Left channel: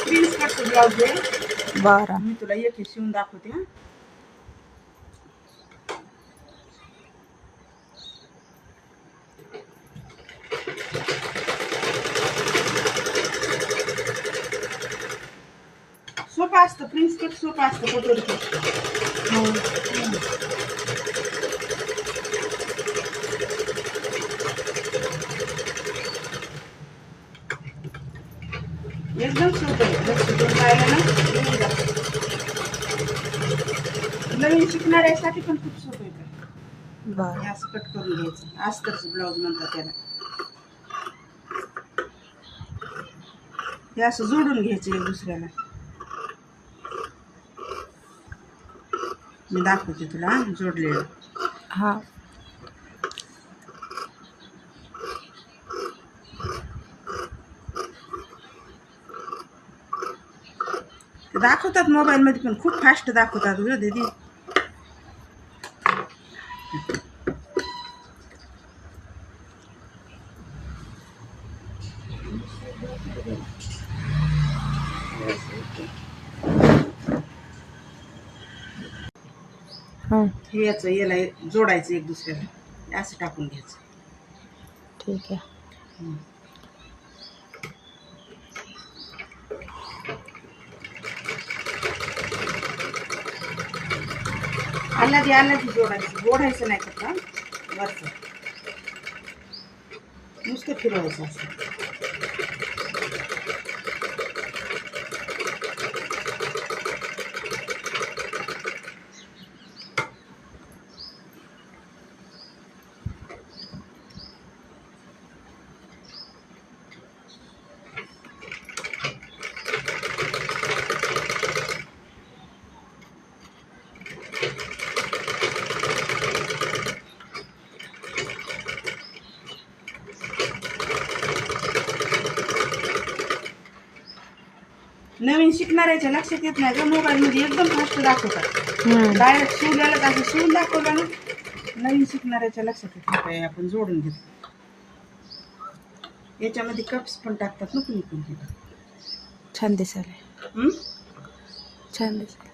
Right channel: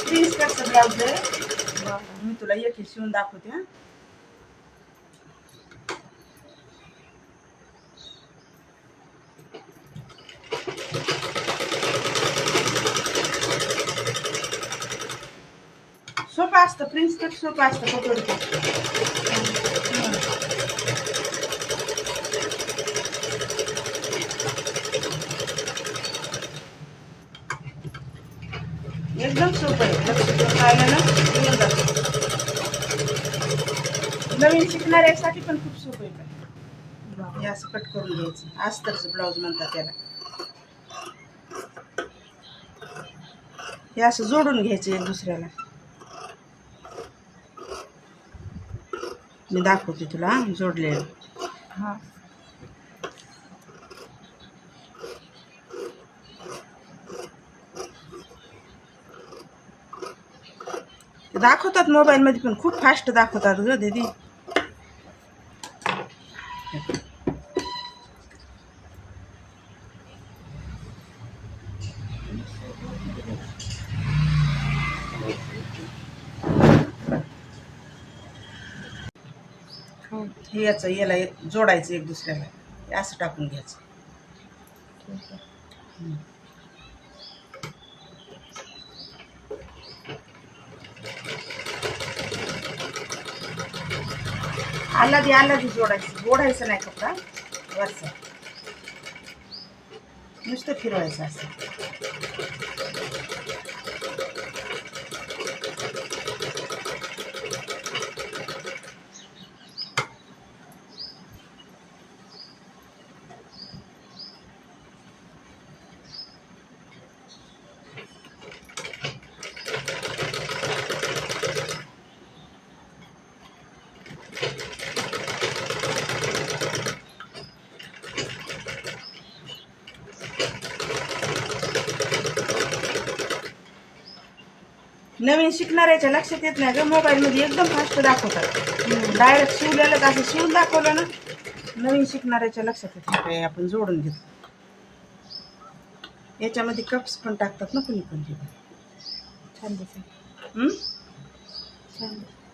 Prince कटचं blouse आहे. बरं. मी तुला एक शिवून दाखवते. हा सोपं असतं, प्रिन्स कट सोपं असतं पटोरी कट. एकदम सोपं आहे. लक्ष देऊन पाहिलं ना येऊन जातं. नवीन शिकणाऱ्यासाठी पण खूप सोपं आहे. बरं. हे असं कट करून घ्यायचं. अस्तरचं ब्लाऊज म्हणतात त्याला. हे असं जोडून घ्यायचं एक दुसऱ्याला. मी दाखवते तुला जोडलेलं. हा. दाखवतात मोबाईल मध्ये पण खूप फास्ट दाखवतात ग दीदी. हे याचं याला जोडायचं एक दुसऱ्याला. हे असं टाकून घ्यायचं. ठीक आहे. आला जोडायचं. ओढायचं नाही फक्त वरचं. नुसतं फिरवायचं असं. नवीन शिकणाऱ्याच्या लक्षात येत नाही ग. मोबाईल मध्ये एकदम फास्ट दाखवतात. डायरेक्ट शिवलेलं असं शिवून दाखवलं ना, नवीन शिकणाऱ्याच्या लक्षात येत नाही. आपण जोडून घेतो. याच्यामध्ये कप्स पण टाकतात ना कुणी पण. छान दिसायला. हम्म छान दिसायला.